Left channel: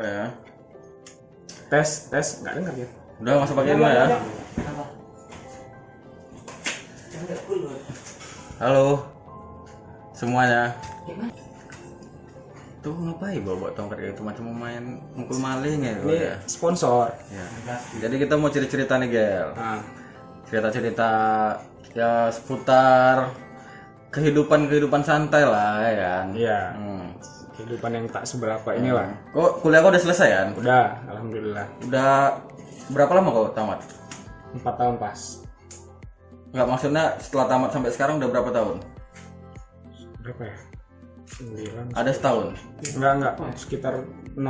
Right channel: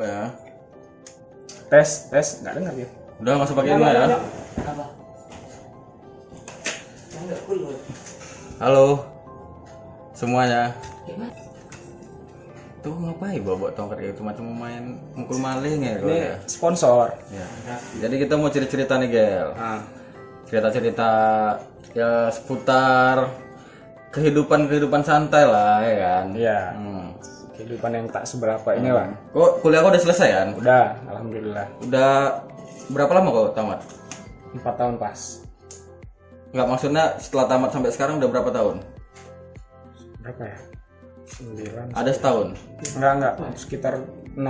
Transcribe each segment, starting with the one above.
Coba ya. Tes, nggak dengar ya? Udah masuk pakai ini ya. Halo semuanya. Tuh ngapain bawa tongkat itu macam mau main mukul maling ya? Ini sponsor. Ya. Jadi kita mau cerita nih Gel. Nah, Cerita-cerita ya seputar kehidupan santai lah ya kan. iya. Hmm. Kehidupan yang tak seberapa inilah. Kok kuliah kau udah selesai kan? Udah, alhamdulillah. Udah berapa lama kau tamat? 4 tahun pas. Enggak, maksudnya setelah tamat sampai sekarang udah berapa tahun? Berapa ya? 9. Ada setahun. Enggak. Sekitar 6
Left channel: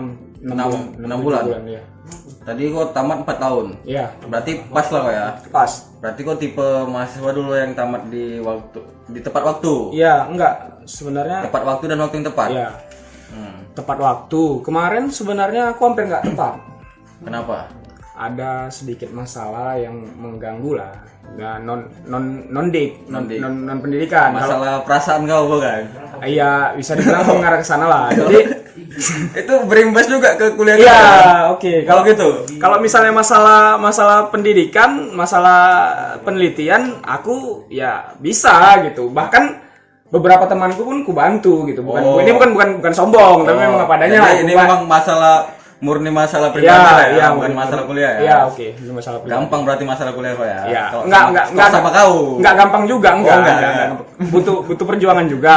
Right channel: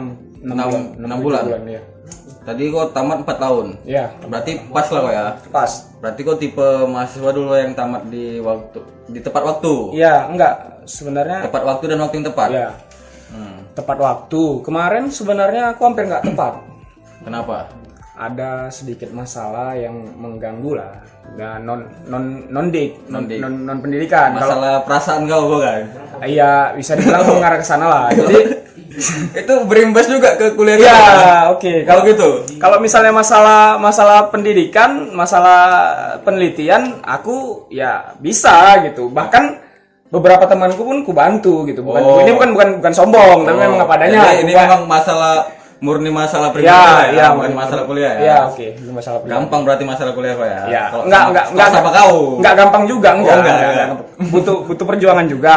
Enam bulan. ya. Tadi kau tamat 4 tahun. Iya, Berarti pas lah kau ya. pas. Berarti kau tipe mahasiswa dulu yang tamat di tepat waktu. Iya, enggak. Sebenarnya Tepat waktu dan waktu yang tepat. ya, Hmm. tepat waktu. Kemarin sebenarnya aku hampir nggak tepat. Kenapa? Ada sedikit masalah yang mengganggu lah. Dan non pendidikan. Kalau Masalah perasaan kau kan? iya bisa dibilang mengarah ke sana lah. Jadi Itu berimbas juga ke kuliah ya kita. oke. Kalau gitu. Kalau misalnya masalah pendidikan, masalah penelitian, aku ya bisa gitu. Bahkan beberapa temanku pun ku bantu gitu. Ini bukan sombong, tapi memang apa adanya. Jadi ini memang murni masalah pribadi lah ya, bukan masalah kuliah ya. Iya, oke. Ini masalah pribadi. Gampang berarti masalah kuliah kok ya. Iya. Kalau Enggak sama kau. Enggak gampang juga, enggak. enggak. Butuh perjuangan juga.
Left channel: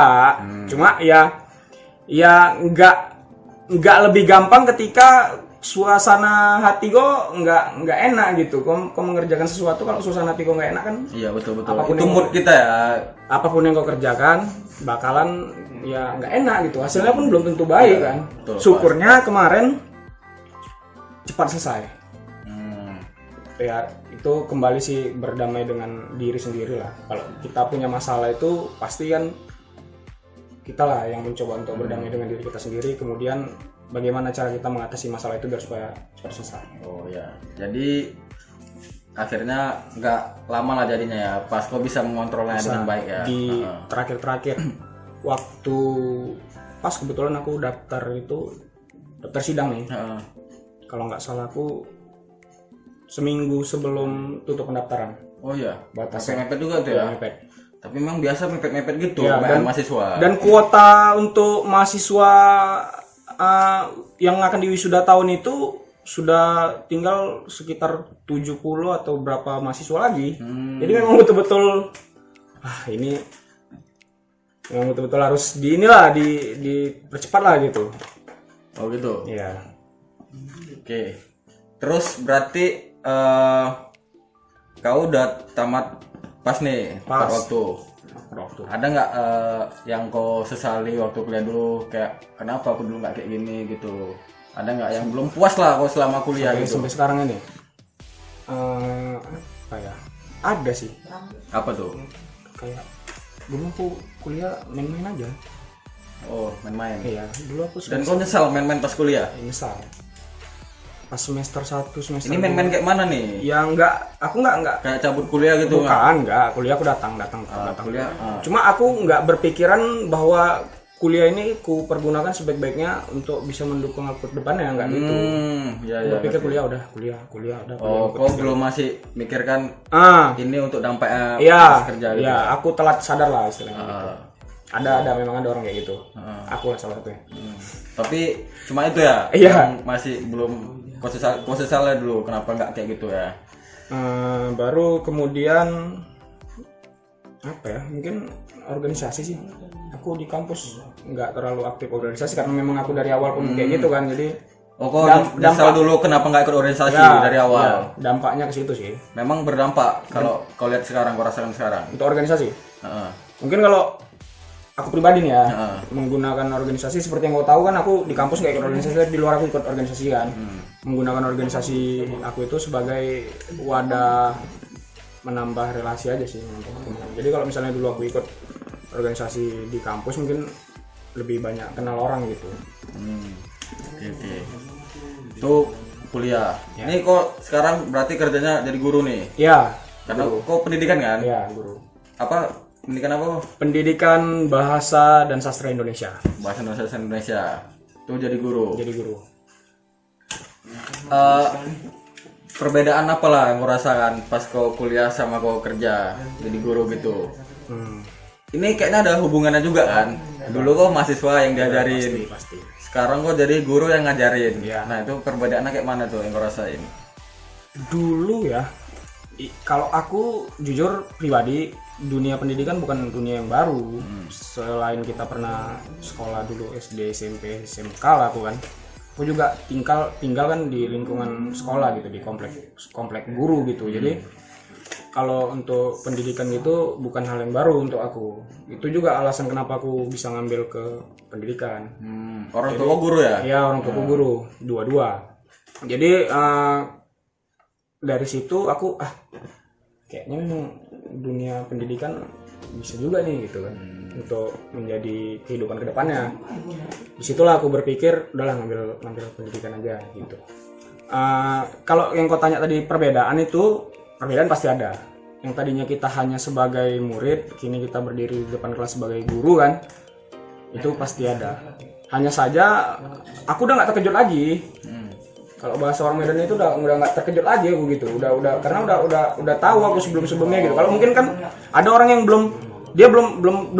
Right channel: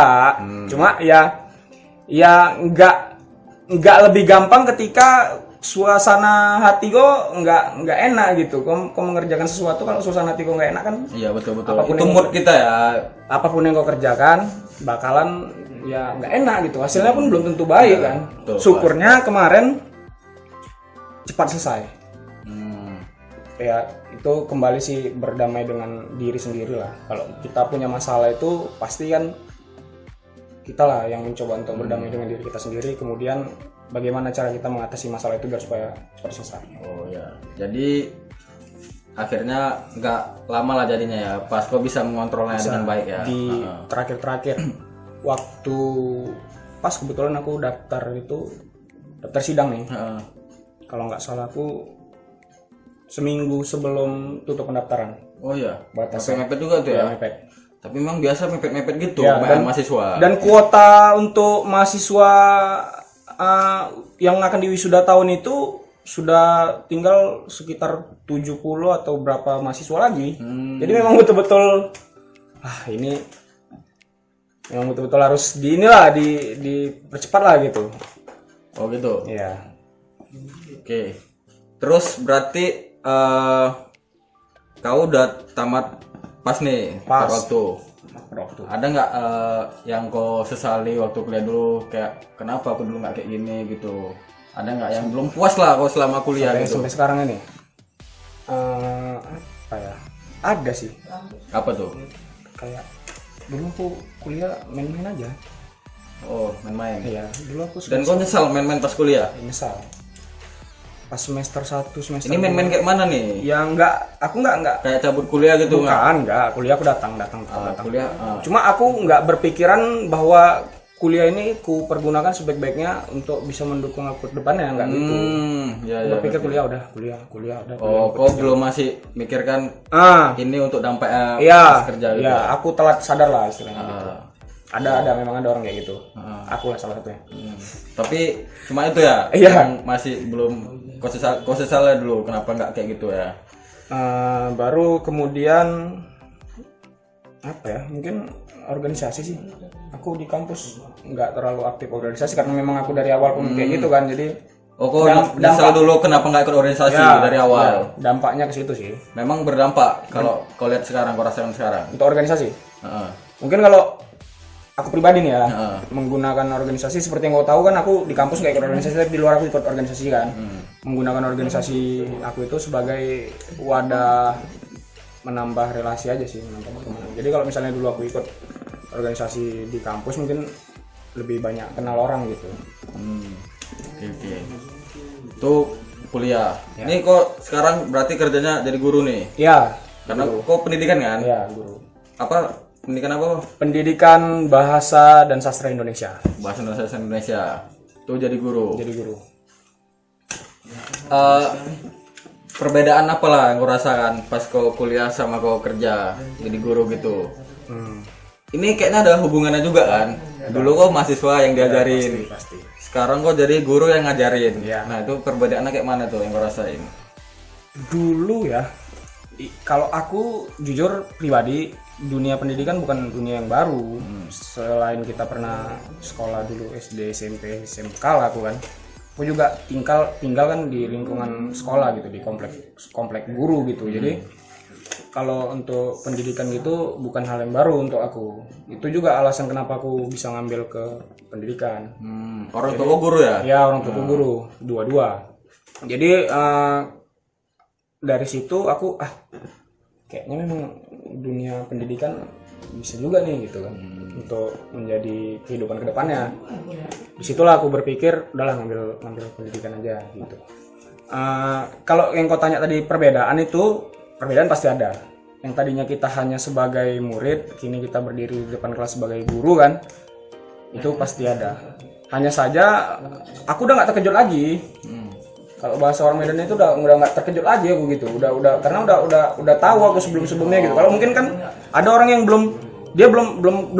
Cuma ya enggak lebih gampang ketika suasana hati kok enggak enak gitu. Kau mengerjakan sesuatu kalau suasana hati kau enggak enak kan, Iya betul. Apapun Itu yang- mood kita ya. apapun yang kau kerjakan bakalan ya enggak enak gitu. Hasilnya pun belum tentu baik kan. betul, Syukurnya kemarin cepat selesai. Ya itu kembali sih berdamai dengan diri sendiri lah. Kalau kita punya masalah itu pasti kan kita lah yang mencoba untuk berdamai dengan diri kita sendiri. Kemudian bagaimana cara kita mengatasi masalah itu biar supaya cepat selesai. Oh ya. Jadi akhirnya nggak lama lah jadinya ya. Pas kau bisa mengontrolnya dengan baik ya. Di terakhir waktu pas kebetulan aku daftar sidang nih. Heeh. Kalau nggak salah aku seminggu sebelum tutup pendaftaran. Oh iya. Batasnya. Mepet juga tuh ya. Mepet. Tapi memang biasa mepet-mepet gitu Ya, kebanyakan mahasiswa. Dan kuota untuk mahasiswa yang akan diwisuda tahun itu sudah tinggal sekitar 70 atau berapa mahasiswa lagi. Jadi memang betul-betul ini memang betul-betul harus dipercepat lah gitu. Oh gitu. Iya. Oke. Terus berarti kau udah tamat pas nih Pas. tepat waktu. Waktu. Ada nggak yang kau sesali waktu kuliah dulu, kayak kenapa aku dulu nggak kayak gini gitu? Ada nggak yang belum puas lah kau selama kuliah gitu? Sampai sekarang ini apa ya? Ada sih. Apa tuh? Kayak dulu aku kuliah main-main aja. Oh, main-main. Iya, dulu aku Dan kau nyesal main-main pas kuliah? misal pas semester 1 semester Ini main-main kayak mana nih? ya aku enggak Kayak cabut kuliah gitu nggak? enggak kuliah aku datang Kuliah. cuma aku enggak berpikiran bahwa kuliah ini ku pergunakan sebaik-baiknya untuk bisa mendukung aku ke depannya, enggak gitu. Ya, Aku ya. berpikir kuliah udah kuliah udah Oh, kau belum masih mikirkan ini untuk dampaknya iya pas kerja gitu? iya aku telat sadar lah istilahnya gitu. Ada memang ada orang kayak gitu. Aku lah salah satunya. Tapi cuma itu ya? Iya. Yang masih belum kau sesalnya dulu kenapa nggak kayak gitu ya? Baru kemudian apa ya, mungkin organisasi sih. Aku di kampus nggak terlalu aktif organisasi karena memang aku dari awal pun kayak gitu kan, jadi Oh, kau nyesal dulu kenapa nggak ikut organisasi dari awal? ya, dampaknya ke situ sih Memang berdampak kalau kau lihat sekarang, kau rasakan sekarang. untuk organisasi. Heeh. Mungkin kalau aku pribadi nih ya, menggunakan organisasi seperti yang kau tahu kan, aku di kampus nggak ikut organisasi, tapi di luar aku ikut organisasi kan. Menggunakan organisasi aku itu sebagai wadah menambah relasi aja sih, menambah pertemanan. Jadi kalau misalnya dulu aku ikut organisasi di kampus mungkin lebih banyak kenal orang gitu. Oke. Itu kuliah. Ini kok sekarang berarti kerjanya jadi guru nih? Ya, Karena kok pendidikan kan? ya guru. Apa pendidikan apa? Pendidikan Bahasa dan Sastra Indonesia. Bahasa Indonesia. Itu jadi guru. Jadi guru. eh, perbedaan apa lah yang kau rasakan pas kau kuliah sama kau kerja jadi guru gitu? Ini kayaknya ada hubungannya juga kan? Dulu kau mahasiswa yang diajarin, Pasti. sekarang kau jadi guru yang ngajarin. Iya. Nah itu perbedaannya kayak mana tuh yang kau rasain? Dulu ya, kalau aku jujur pribadi, dunia pendidikan bukan dunia yang baru. Selain kita pernah sekolah dulu SD, SMP, SMK lah aku kan. Aku juga tinggal kan di lingkungan sekolah gitu, di komplek guru gitu. Jadi kalau untuk pendidikan gitu bukan hal yang baru untuk aku. Itu juga alasan kenapa aku bisa ngambil ke pendidikan. Orang tua kau guru ya? Ya, orang tua guru, dua-dua. Jadi dari situ aku kayaknya memang dunia pendidikan bisa juga nih gitu kan, untuk menjadi kehidupan kedepannya. Disitulah aku berpikir udahlah ngambil pendidikan aja gitu. Kalau yang kau tanya tadi perbedaan pasti ada. Yang tadinya kita hanya sebagai murid, kini kita berdiri di depan kelas sebagai guru kan, itu pasti ada. Hanya saja aku udah nggak terkejut lagi. Kalau bahasa orang Medan itu udah nggak terkejut lagi aku gitu. Karena udah tahu aku sebelumnya gitu. Kalau mungkin kan ada orang yang belum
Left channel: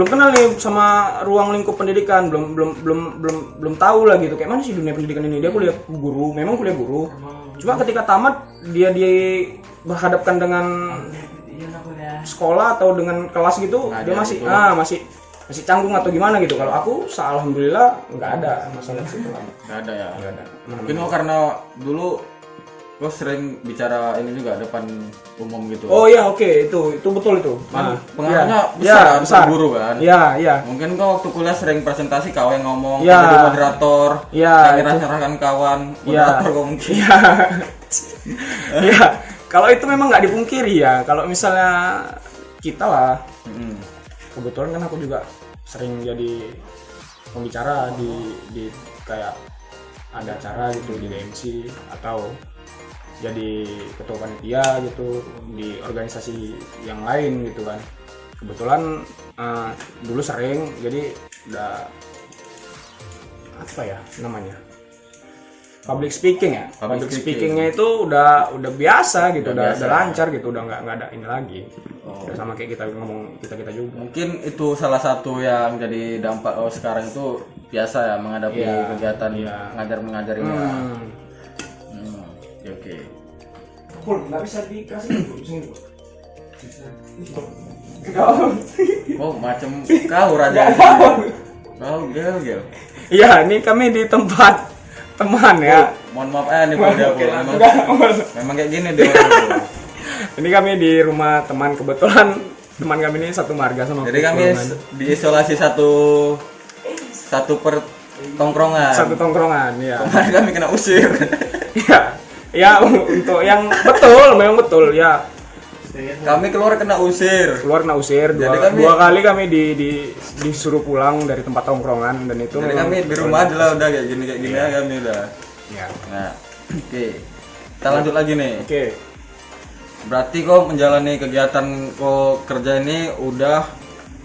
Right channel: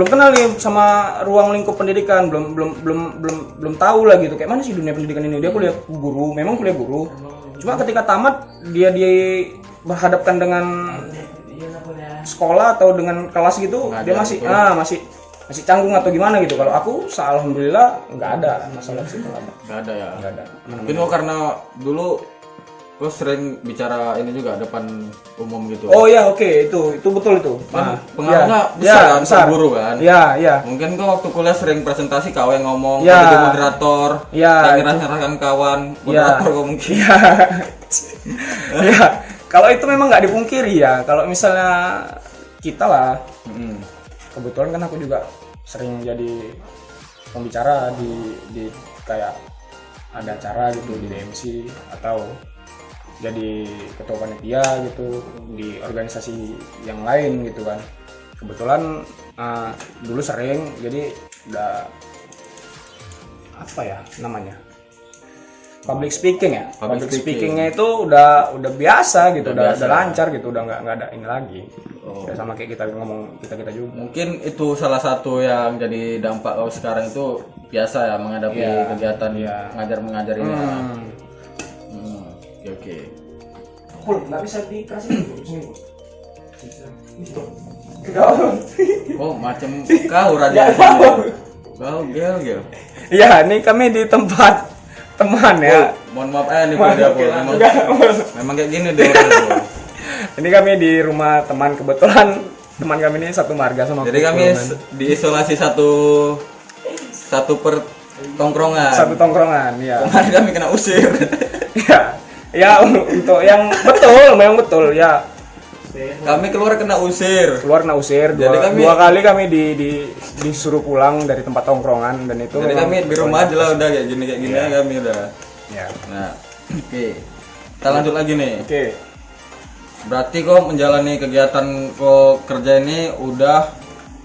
kenal nih sama ruang lingkup pendidikan, belum tahu lah gitu. Kayak mana sih dunia pendidikan ini? Dia kuliah guru, memang kuliah guru. Cuma ketika tamat dia berhadapkan dengan sekolah atau dengan kelas gitu, dia masih canggung atau gimana gitu. Kalau aku alhamdulillah nggak ada masalah situ. Nggak ada ya? Nggak ada. Mungkin kok karena dulu lo sering bicara ini juga depan umum gitu. Oh iya, oke, itu betul itu. Nah, pengaruhnya besar guru kan? Iya. Mungkin kok waktu kuliah sering presentasi kau yang ngomong, ya. kau jadi moderator, ya, nyerahkan kawan, moderator kok mungkin. Ya. Kalau itu memang nggak dipungkiri ya. Kalau misalnya kita lah, kebetulan kan aku juga sering jadi pembicara di kayak ada acara gitu di DMC atau jadi ketua panitia gitu di organisasi yang lain gitu kan. Kebetulan dulu sering, jadi udah apa ya namanya, public speaking ya. Public speakingnya itu udah biasa gitu, udah lancar gitu, udah nggak ada ini lagi. Udah sama kayak kita ngomong kita juga. Mungkin itu salah satu yang jadi dampak sekarang itu biasa ya menghadapi kegiatan ngajar-mengajar ini. Oke. Pul, nggak bisa dikasih sini. Oh, macam kau raja. Kau gel. Iya, ini kami di tempat teman ya. Mohon maaf nih memang kayak gini deh. Ini kami di rumah teman, kebetulan teman kami ini satu marga sama. Jadi kami diisolasi satu per tongkrongan. Satu tongkrongan, ya. Kemarin kami kena usir. Ya, untuk yang betul, memang betul ya. Kami keluar kena usir. Dua kali kami disuruh pulang dari tempat tongkrongan dan itu. Jadi kami di rumah aja lah udah kayak gini kami udah. Ya. Nah, oke. Kita lanjut lagi nih. Oke. Berarti kok menjalani kegiatan kok kerja ini udah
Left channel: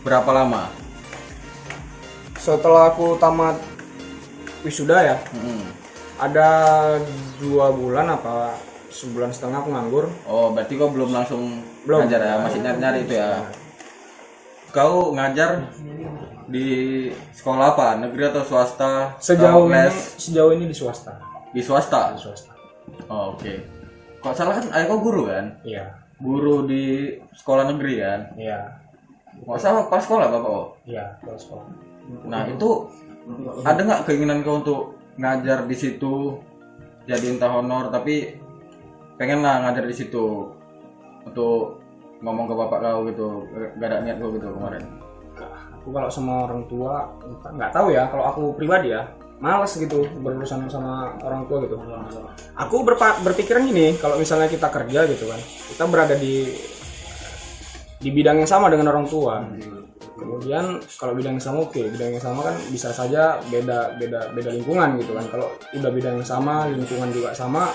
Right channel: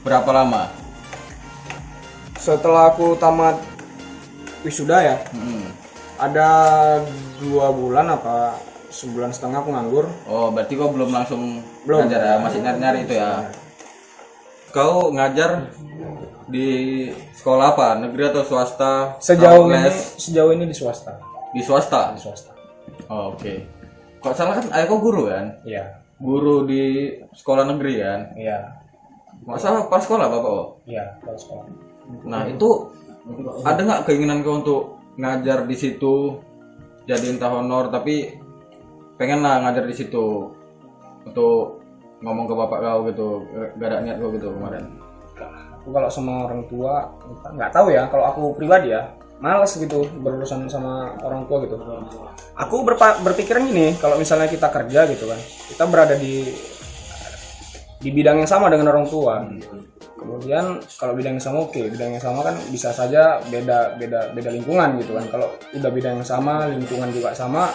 berapa lama? Setelah aku tamat wisuda ya. Ada 2 bulan apa sebulan setengah aku nganggur. Oh, berarti kau belum langsung ngajar ya, masih nyari-nyari itu ya. Kau ngajar di sekolah apa? Negeri atau swasta? Sejauh ini di swasta. Di swasta? Di swasta. Oh, oke. Kok salah kan ayah kau guru kan? Iya. Guru di sekolah negeri kan? Iya. Nggak salah pas sekolah bapak kok? Iya, pas sekolah. Nah, itu ada nggak keinginan kau untuk ngajar di situ jadi entah honor, tapi pengen lah ngajar di situ untuk ngomong ke bapak kau gitu, gak ada niat kau gitu kemarin? Aku kalau sama orang tua nggak tahu ya, kalau aku pribadi ya malas gitu berurusan sama orang tua gitu. Aku berpikiran gini, kalau misalnya kita kerja gitu kan, kita berada di bidang yang sama dengan orang tua. Kemudian kalau bidang yang sama bidang yang sama kan bisa saja beda lingkungan gitu kan. Kalau udah bidang yang sama, lingkungan juga sama,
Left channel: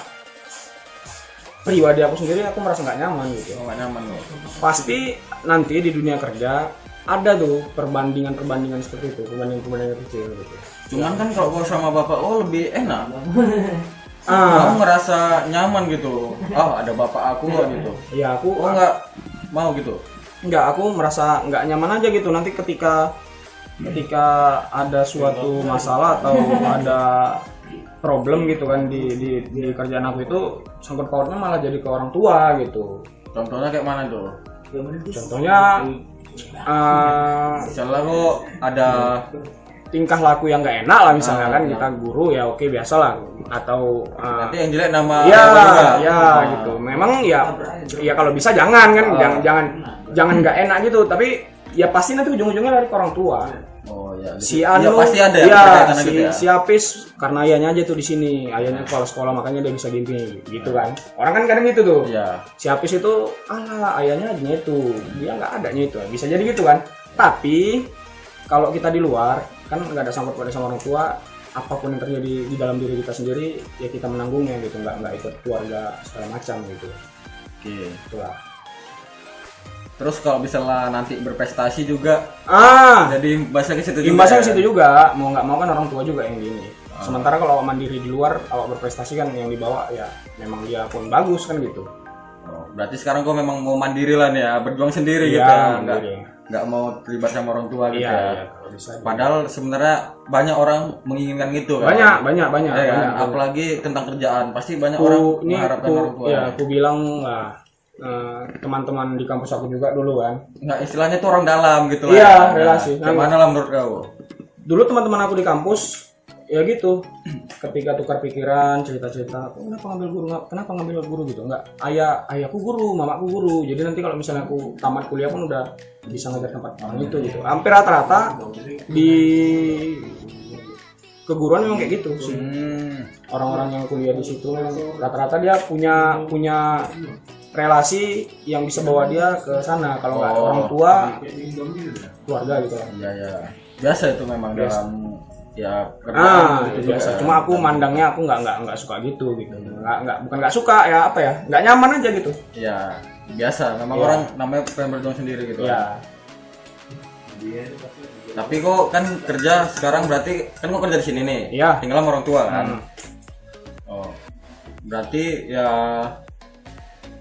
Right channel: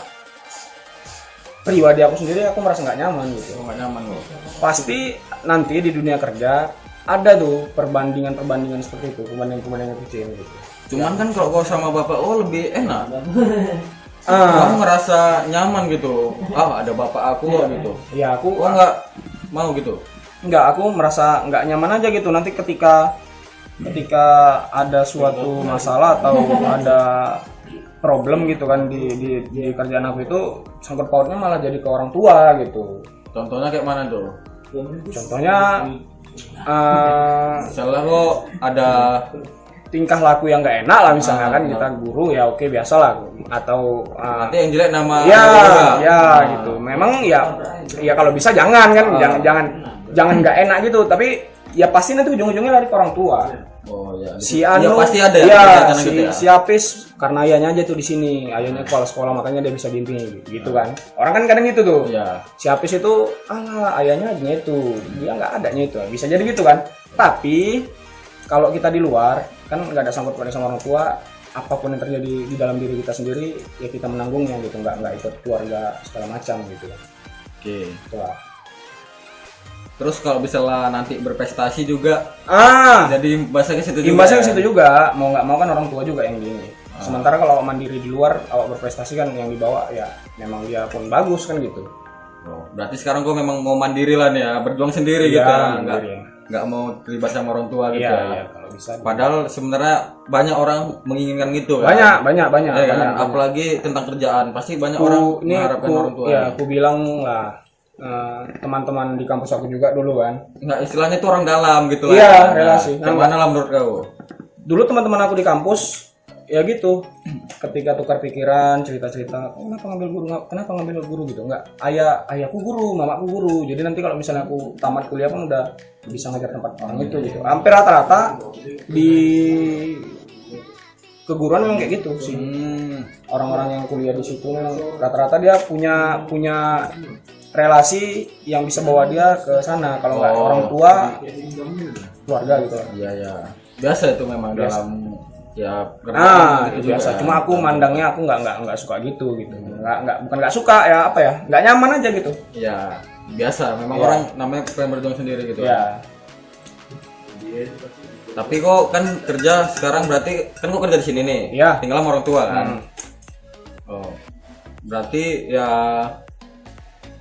pribadi aku sendiri aku merasa nggak nyaman gitu. Nggak nyaman kok. Pasti nanti di dunia kerja ada tuh perbandingan seperti itu, perbandingan kecil gitu. Cuman kan kalau kau sama bapak lebih enak. kamu ngerasa nyaman gitu, ada bapak aku kok gitu. Ya aku Nggak mau gitu. Enggak, aku merasa nggak nyaman aja gitu nanti ketika ada suatu masalah atau ada problem gitu kan di kerjaan aku itu, sangkut pautnya malah jadi ke orang tua gitu. Contohnya kayak mana tuh? Contohnya Misalnya kok ada tingkah laku yang nggak enak lah misalnya kan, kita guru ya oke biasa lah, atau nanti yang jelek nama gitu. Memang ya kalau bisa jangan kan, jangan nggak enak gitu, tapi ya pasti nanti ujung-ujungnya lari ke orang tua. Oh ya. Si Anu pasti ada si Apis karena ayahnya aja tuh di sini, ayahnya kepala sekolah makanya dia bisa gini gitu kan. Orang kan kadang gitu tuh. Iya. Si Apis itu ayahnya adanya itu, dia nggak adanya itu, bisa jadi gitu kan. Tapi kalau kita di luar kan nggak ada sangkut pautnya sama orang tua, apapun yang terjadi di dalam diri kita sendiri ya kita menanggungnya gitu, nggak ikut keluarga segala macam gitu. Oke. Itulah. Terus kalau misalnya nanti berprestasi juga, jadi bahasa ke situ juga. Imbasnya ke situ juga, mau nggak mau kan orang tua juga yang gini. Sementara kalau awak mandiri di luar, awak berprestasi kan yang dibawa ya memang dia pun bagus kan gitu. Oh, berarti sekarang gua memang mau mandiri lah nih ya, berjuang sendiri gitu. Nggak mau terlibat sama orang tua gitu ya. Iya, kalau bisa. Padahal sebenarnya banyak orang menginginkan gitu kan. Banyak. Banyak. Apalagi tentang kerjaan, pasti banyak orang mengharapkan orang tua. Ya, aku bilang lah. Teman-teman di kampus aku juga dulu kan, nggak istilahnya tuh orang dalam gitu lah. Iya, relasi. Gimana lah menurut kau? Dulu teman-teman aku di kampus ya gitu, ketika tukar pikiran, cerita-cerita, kenapa ngambil guru gitu, nggak ayahku guru, mamaku guru, jadi nanti kalau misalnya aku tamat kuliah pun udah bisa ngajar tempat orang itu gitu. Hampir rata-rata di keguruan memang kayak gitu sih. Orang-orang yang kuliah di situ memang rata-rata dia punya relasi yang bisa bawa dia ke sana. Kalau nggak orang tua, keluarga gitu lah. Iya. Biasa itu memang dalam ya gitu biasa. Cuma aku mandangnya aku nggak suka gitu. Bukan nggak suka ya, apa ya? Nggak nyaman aja gitu. Ya biasa. Memang orang namanya pengen berjuang sendiri gitu. Ya. Tapi kok kan kerja sekarang berarti kan kok kerja di sini nih. Iya. Tinggal sama orang tua kan. Oh. Berarti ya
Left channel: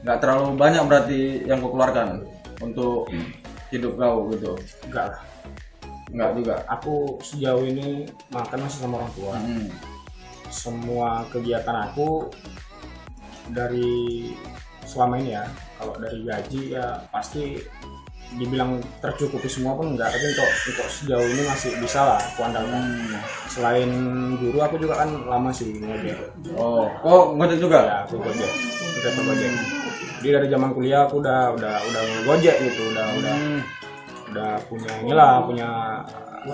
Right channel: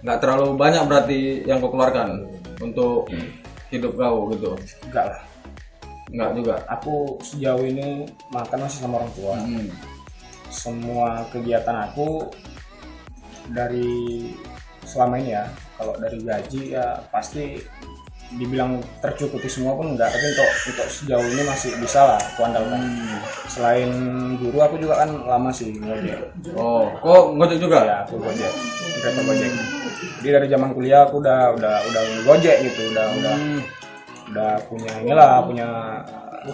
nggak terlalu banyak berarti yang kau keluarkan untuk hidup kau gitu. Enggak juga. Aku sejauh ini makan masih sama orang tua. Semua kegiatan aku dari selama ini ya, kalau dari gaji ya pasti dibilang tercukupi semua pun enggak, tapi untuk sejauh ini masih bisa lah aku andalkan. Selain guru aku juga kan lama sih ngojek. Oh ngojek juga? Ya, aku gojek, driver gojek. Jadi dari zaman kuliah aku udah ngojek gitu, udah punya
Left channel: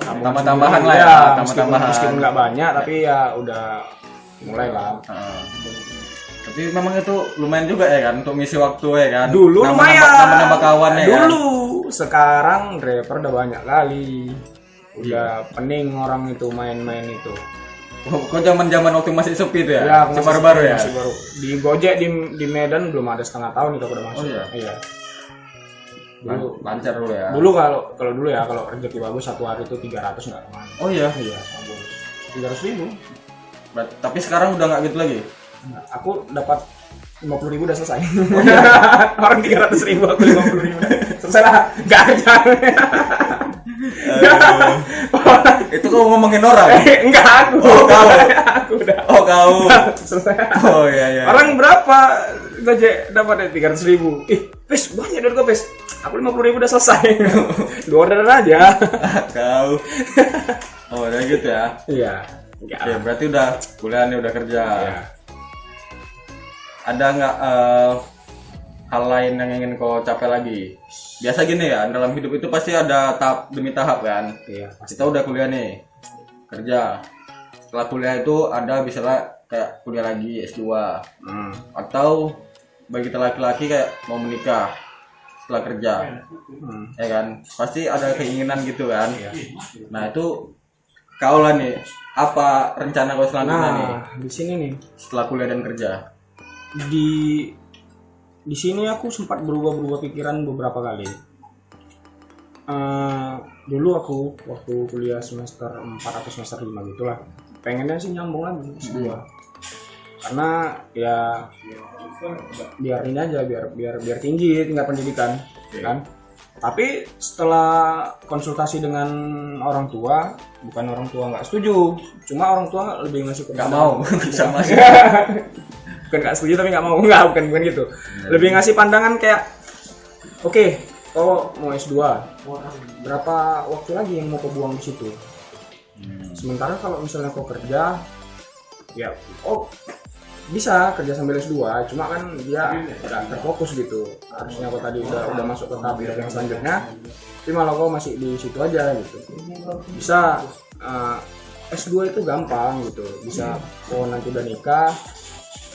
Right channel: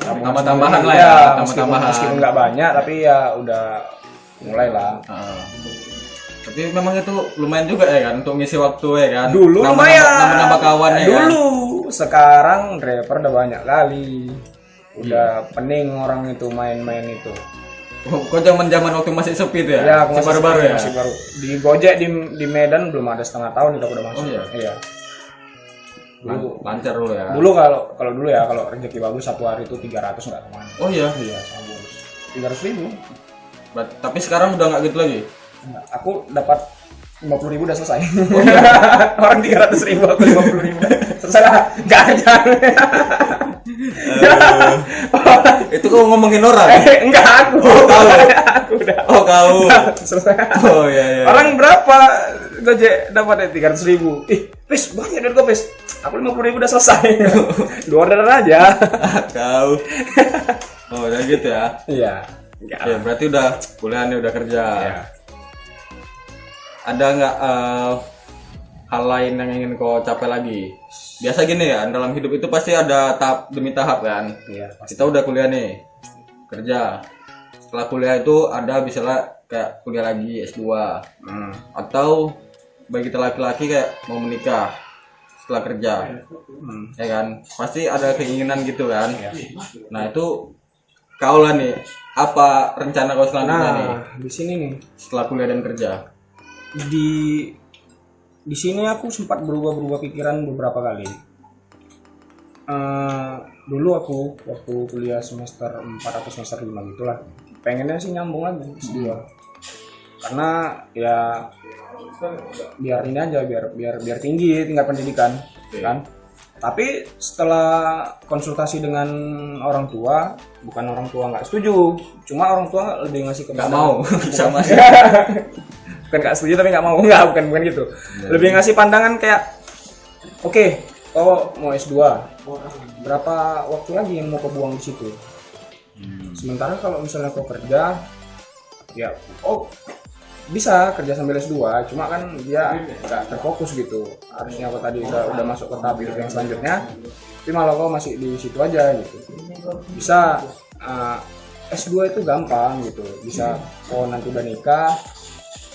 tambah-tambahan lah ya, tambah-tambahan. Meskipun nggak banyak tapi ya udah mulai lah. Tapi memang itu lumayan juga ya kan untuk ngisi waktu ya kan. Dulu lumayan. Nambah kawan ya. Dulu. Kan? Sekarang driver udah banyak kali. Udah pening orang itu main-main itu. Kok zaman waktu masih sepi tuh ya? Ya, aku baru-baru ya. Masih baru. Di Gojek di Medan belum ada setengah tahun itu aku udah masuk. Oh iya. Dulu lancar dulu ya. Dulu kalau dulu ya kalau rezeki bagus satu hari itu 300 nggak kemana. Oh iya. Iya, sama bonus. 300.000. Tapi sekarang udah nggak gitu lagi. Nah, aku dapat 50.000 udah selesai. Oh, iya. Orang 300.000 aku 50.000 selesai lah, nggak kerja. Itu kau ngomongin orang? Enggak aku. Aku udah. Oh kau. Selesai. Oh iya. Orang berapa Gojek dapat 300.000? Pes banyak dari Pes. Aku 50.000 udah selesai. 2 orderan aja. Kau. Oh udah gitu ya? Iya. Ya, berarti udah kuliah nih, udah kerja. Iya. Ada nggak hal lain yang ingin kau capai lagi? Biasa gini ya, dalam hidup itu pasti ada tahap demi tahap kan. Iya. Pasti. Kita udah kuliah nih, kerja. Setelah kuliah itu ada misalnya kayak kuliah lagi S2, atau bagi kita laki-laki kayak mau menikah setelah kerja, ya kan? Pasti ada keinginan gitu kan. Nah itu kau lah nih, apa rencana kau selanjutnya nih? Di sini nih. Setelah kuliah dan kerja. Di sini aku sempat berubah pikiran beberapa kali. Dulu aku waktu kuliah semester 4 atau semester 5 gitulah, pengennya sih nyambung lagi S2. karena ya biar ini aja, biar tinggi tingkat pendidikan kan. Tapi setelah konsultasi dengan orang tua, bukan orang tua nggak setuju, cuma orang tua lebih ngasih Nggak mau sama sih. bukan nggak setuju tapi nggak mau, bukan gitu. Lebih ngasih pandangan kayak, oke, kau mau S2, berapa waktu lagi yang mau kau buang di situ? Sementara kalau misalnya kau kerja, ya bisa kerja sambil S2, cuma kan dia nggak terfokus gitu. Harusnya kau tadi udah masuk ke tahap hidup yang selanjutnya, tapi malah kau masih di situ aja gitu. Bisa S2 itu gampang gitu, bisa kau nanti udah nikah.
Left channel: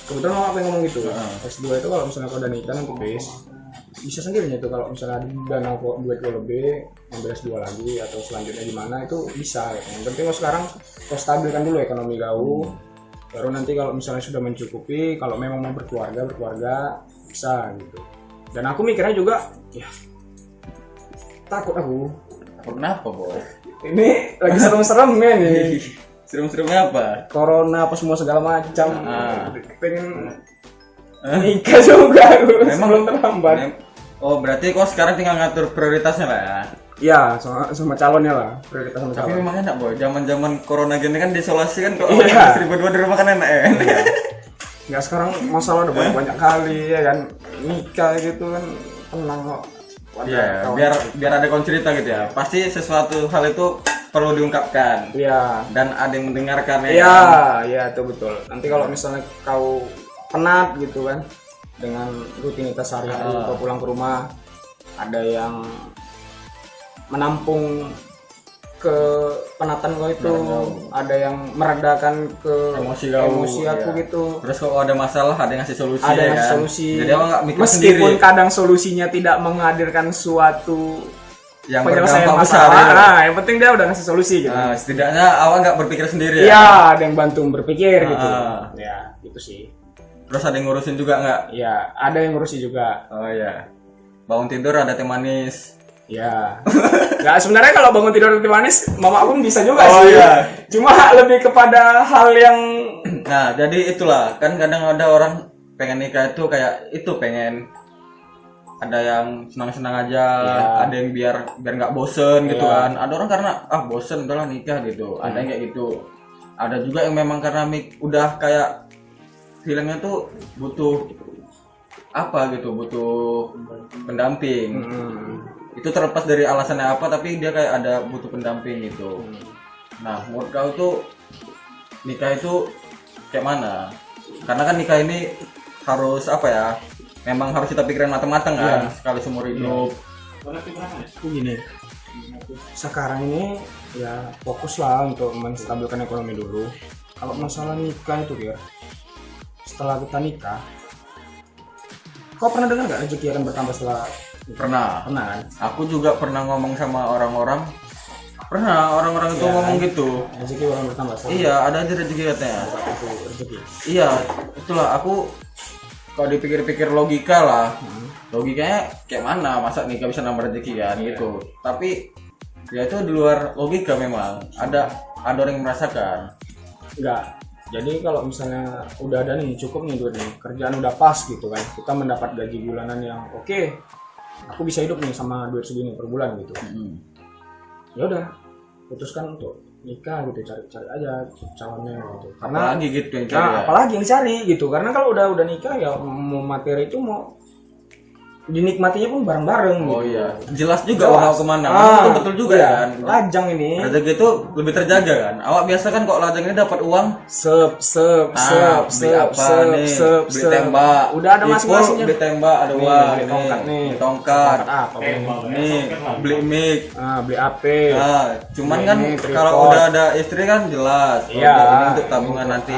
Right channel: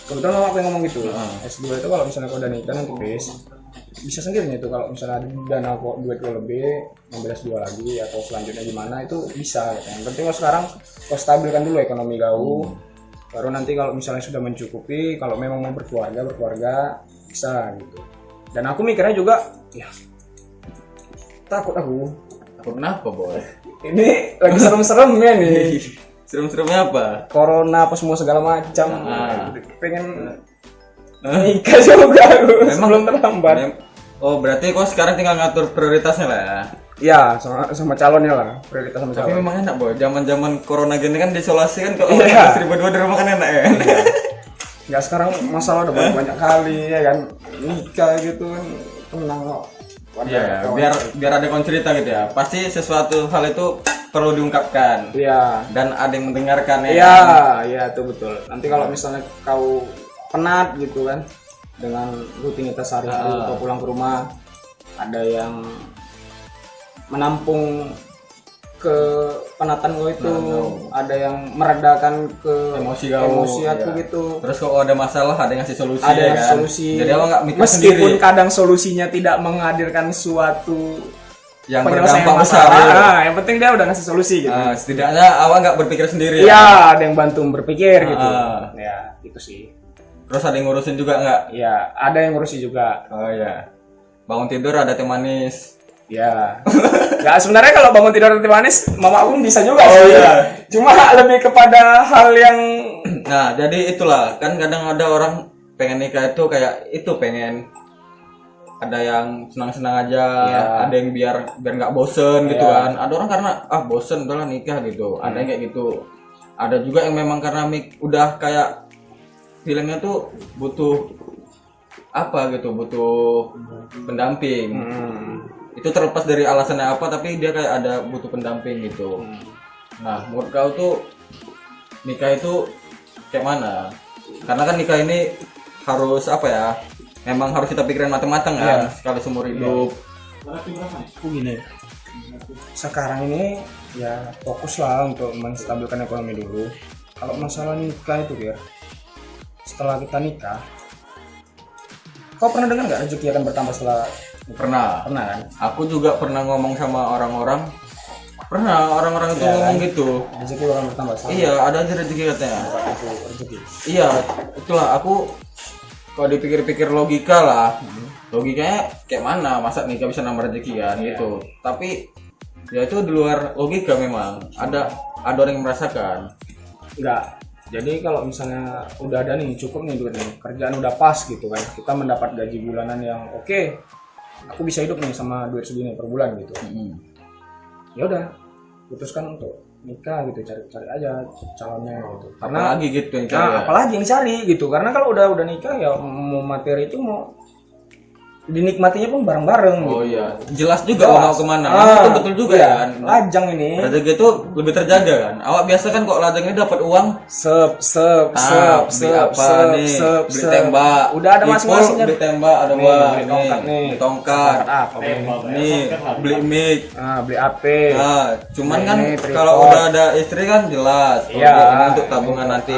Kebetulan mama pengen ngomong gitu, S2 itu kalau misalnya kau udah nikah nanti bisa sendirinya itu, kalau misalnya dana kok duit kau lebih ambil S2 lagi atau selanjutnya gimana itu bisa gitu. Yang penting kau sekarang kau stabilkan dulu ekonomi kau, baru nanti kalau misalnya sudah mencukupi, kalau memang mau berkeluarga bisa gitu. Dan aku mikirnya juga ya takut Kenapa, Boy? ini lagi serem-seremnya nih. Serem-seremnya apa? Corona apa semua segala macam. Pengen nikah juga aku sebelum terlambat. Oh, berarti kok sekarang tinggal ngatur prioritasnya lah ya? Iya, sama calonnya lah, prioritas sama Tapi calon. memang enak, Boy. Zaman-zaman corona gini kan diisolasi kan, kalau Iya. istri berdua di rumah kan enak ya. Nggak, sekarang masalah udah banyak kali ya kan, nikah gitu kan, tenang kok. Iya, biar ada cerita gitu ya. Pasti sesuatu hal itu perlu diungkapkan. Iya. Dan ada yang mendengarkan ya. Iya, kan? iya itu betul. Nanti kalau misalnya kau penat gitu kan dengan rutinitas sehari-hari, kau pulang ke rumah, ada yang menampung ke penatan kau itu, ada yang meredakan ke emosi aku iya. gitu. Terus kalau ada masalah ada yang ngasih solusi. Ada ya yang kan? solusi. Jadi awak nggak mikir Meskipun sendiri kadang solusinya tidak menghadirkan suatu yang penyelesaian berdampak besar. masalah. Ya. Nah, yang penting dia udah ngasih solusi gitu. Setidaknya awak nggak berpikir sendiri ya. Iya, ada yang bantu berpikir gitu. Ya, itu sih. Terus ada yang ngurusin juga nggak? Iya, ada yang ngurusi juga. Oh iya. Bangun tidur ada teh manis. Ya. Ya sebenarnya kalau bangun tidur teh manis, mama pun bisa juga Oh, sih. iya. Cuma lebih kepada hal yang Nah, jadi itulah kan kadang ada orang pengen nikah itu kayak itu pengen ada yang senang-senang aja, ada yang biar nggak bosen gitu kan. Ada orang karena bosen udahlah nikah gitu. Ada yang kayak gitu. Ada juga yang memang karena udah kayak feelingnya tuh butuh apa gitu, butuh pendamping. Itu terlepas dari alasannya apa, tapi dia kayak ada butuh pendamping gitu. Nah, menurut kau tuh nikah itu kayak mana? Karena kan nikah ini harus apa ya? Memang harus kita pikirin matang-matang kan, sekali seumur hidup. aku gini. Sekarang ini ya fokus lah untuk menstabilkan ekonomi dulu. Kalau masalah nikah itu ya, setelah kita nikah, kau pernah dengar nggak rezeki akan bertambah setelah nikah? Pernah kan? Aku juga pernah ngomong sama orang-orang. Pernah orang-orang itu ngomong gitu. Rezeki akan bertambah setelah Iya, ada aja rezeki katanya. itu rezeki. Iya, itulah aku kalau dipikir-pikir logika lah. Logikanya kayak mana? Masa nikah bisa nambah rezeki kan gitu. Tapi ya itu di luar logika memang. Ada orang yang merasakan. Enggak. Jadi kalau misalnya udah ada nih, cukup nih duit nih, kerjaan udah pas gitu kan, kita mendapat gaji bulanan yang oke, aku bisa hidup nih sama duit segini per bulan gitu. Ya udah, putuskan untuk nikah gitu, cari aja calonnya gitu. Karena Apalagi gitu yang cari. apalagi yang dicari gitu, karena kalau udah nikah ya mau materi itu mau dinikmatinya pun bareng-bareng Oh gitu. iya, jelas juga mau kemana. Itu betul juga iya. kan. Lajang ini Rezeki itu lebih terjaga kan. Awak biasa kan kok lajang ini dapat uang beli apa nih, beli tembak. Udah ada masing-masingnya. Beli tembak, ada Nih, uang, beli tongkat nih. beli tongkat. Apa Nih, beli mic. beli AP. Nah, cuman Beli kan ini, tripod. kalau udah ada istri kan jelas. Oh, Iya. ini untuk tabungan nanti.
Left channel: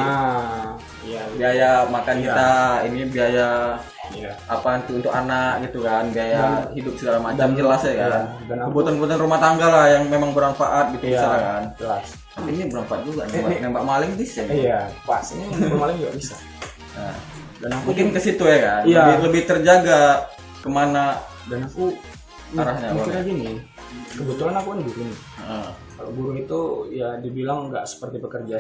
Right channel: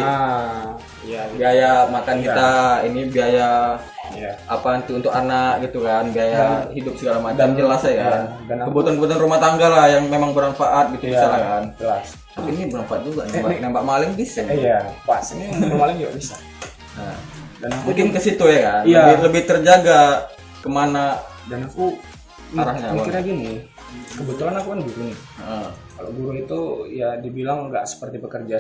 Iya. Biaya makan kita, ini biaya Iya. apa untuk anak gitu kan, biaya hidup segala macam jelas ya kan. dan aku- Kebutuhan-kebutuhan rumah tangga lah yang memang bermanfaat gitu Iya, misalnya kan. jelas. Ini bermanfaat juga nembak maling bisa. Iya, pas. Ini maling juga bisa. Nah, Dan aku mungkin ke situ ya kan. Iya. Lebih terjaga kemana. dan aku Arahnya apa? mikirnya gini. Kebetulan aku kan guru nih. Heeh. Kalau guru itu ya dibilang nggak seperti pekerja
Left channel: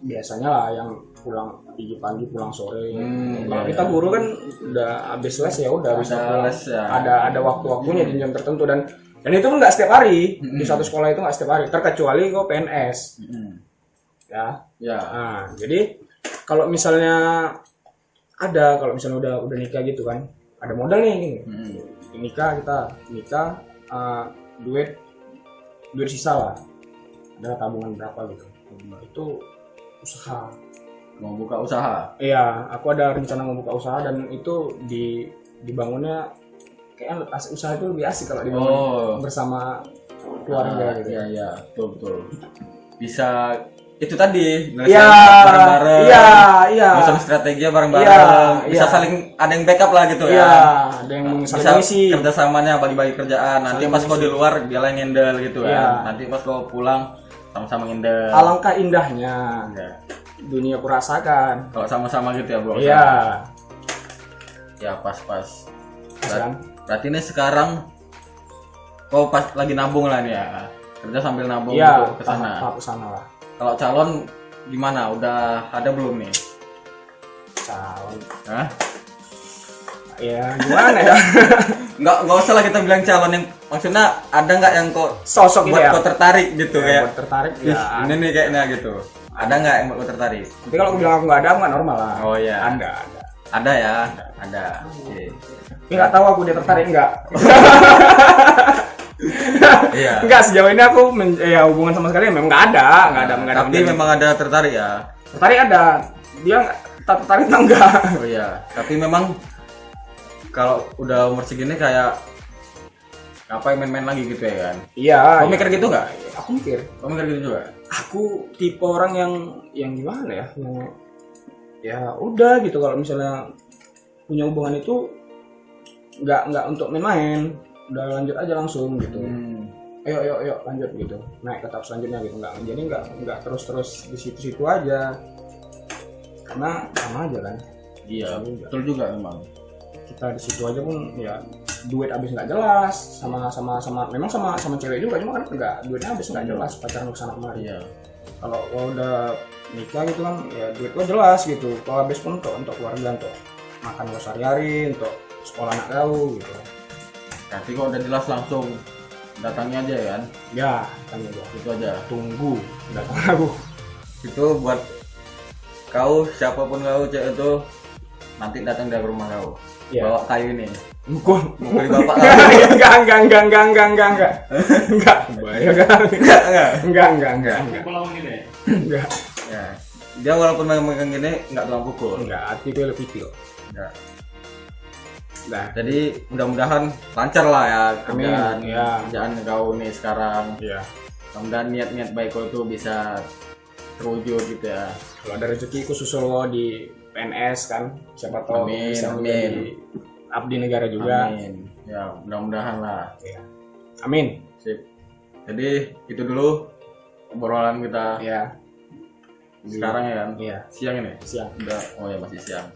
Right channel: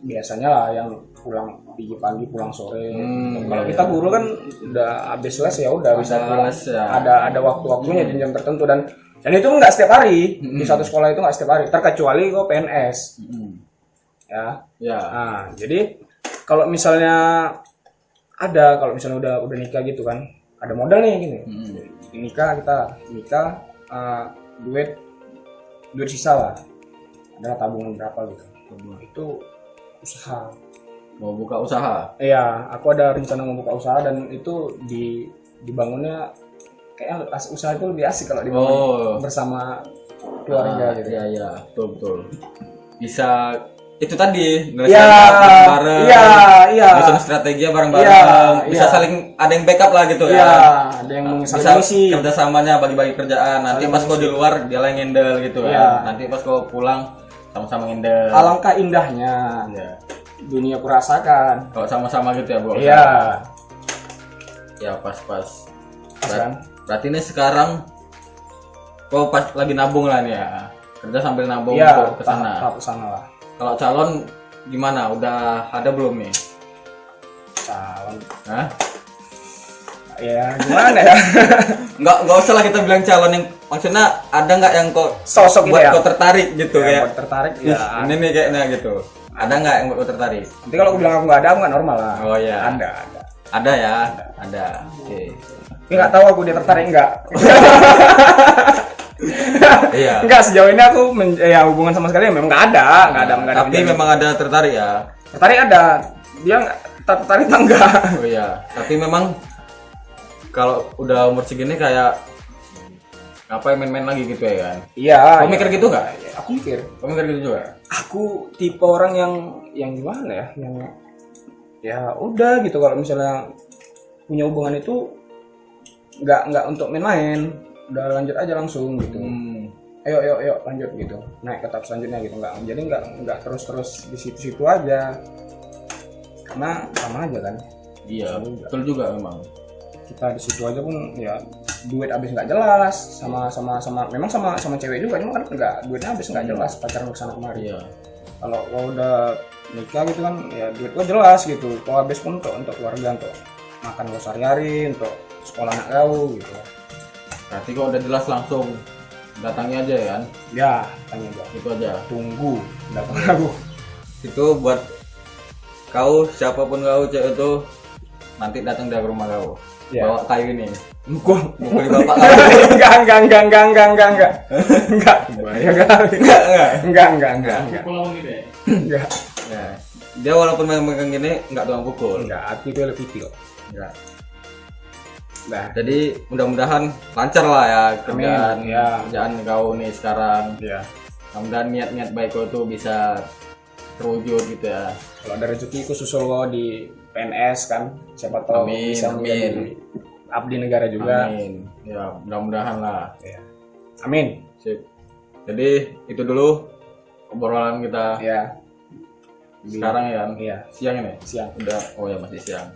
biasanya lah yang pulang pagi pulang sore. Kalau iya, kita guru kan udah habis les ya udah bisa pulang. les ya. Ada waktu-waktunya jam tertentu dan itu nggak setiap hari di satu sekolah itu nggak setiap hari terkecuali kok PNS ya. Nah, jadi kalau misalnya kalau misalnya udah nikah gitu kan ada modal nih gini nikah duit sisa lah ada tabungan berapa gitu itu usaha. Mau buka usaha? Iya, aku ada rencana mau buka usaha dan itu dibangunnya kayaknya usaha itu lebih asik kalau dibangun bersama keluarga gitu. Iya, betul. Bisa itu tadi bareng-bareng. Iya. Nyusun strateginya bareng-bareng. Bisa saling ada yang backup lah gitu ya. Iya, ada yang bisa kerjasamanya bagi-bagi kerjaan. Nanti pas kau di luar dia yang handle gitu kan. Nanti pas kau pulang sama-sama handle. Alangkah indahnya. Dunia kurasakan kalau sama-sama gitu ya, Bro. Iya. Ya pas. Kan? Berarti ini sekarang kau pas lagi nabung lah nih ya. Kerja sambil nabung untuk ke sana. Tahap kesana lah. Kalau calon gimana? Udah ada belum nih? Calon. Hah? Ya gimana ya? Nggak usah lah kita bilang calon yang maksudnya ada nggak yang kok sosok buat gitu ya? kau tertarik gitu ya? Buat tertarik ya. Ini nih kayaknya gitu. Ada nggak yang buat kau tertarik? Nanti kalau aku bilang aku nggak ada, aku nggak normal lah. Oh iya. Ada. Ada. Oke. Tapi nggak tahu aku dia tertarik nggak. Iya. Enggak, sejauh ini aku hubungan sama sekali memang nggak ada. Tapi memang ada tertarik ya. Tertarik ada. Dia tak tertarik enggak. Oh iya. Tapi memang kalau udah umur segini kayak apa main-main lagi gitu ya kan? Iya. Kau mikir gitu nggak? Aku mikir. Kau mikir gitu juga? Aku tipe orang yang gimana ya? Yang ya udah gitu kalau misalnya punya hubungan itu nggak untuk main-main, udah lanjut aja langsung gitu. Ayo lanjut gitu, naik ke tahap selanjutnya gitu. Jadi nggak terus di situ aja, karena sama aja kan. Iya, betul juga memang. Kita di situ aja pun ya duit habis nggak jelas, sama memang sama cewek juga, cuma kan nggak, duitnya habis nggak jelas pacaran kesana kemari. Iya. Kalau udah nikah gitu kan ya duit gua jelas gitu, kalau habis pun untuk keluarga, untuk makan lo sehari-hari, untuk sekolah anak kau gitu. Berarti kok udah jelas langsung datangi aja ya kan? Ya, tanya gua. Itu aja. Tunggu datang aku. Itu buat kau, siapapun kau cewek itu nanti datang dari rumah kau. Ya. Bawa kayu ini. Gua Beli bapak kau. enggak. Bahaya kali. Enggak. Pulang gitu ya? Enggak. Ya. Dia walaupun megang gini enggak tukang pukul. Enggak, hati gue lebih kecil. Enggak. Nah, Jadi mudah-mudahan lancar lah ya kerjaan, Amin, ya. kerjaan kau nih sekarang. ya. Mudah-mudahan niat-niat baik kau itu bisa terwujud gitu ya. Kalau ada rezeki khusus lo di PNS kan, siapa tahu Amin, bisa menjadi abdi negara juga. Amin. Ya, mudah-mudahan lah. Ya. Amin. Sip. Jadi itu dulu obrolan kita Ya. sekarang ya kan? Iya. Siang ini? Siang. Udah, oh ya masih siang.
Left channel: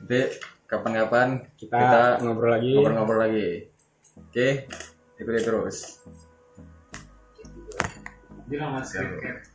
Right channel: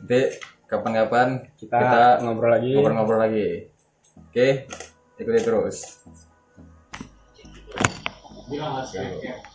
Nanti kapan-kapan Kita ngobrol lagi. ngobrol-ngobrol lagi. Oke, ikuti terus. Bilang mas, kayak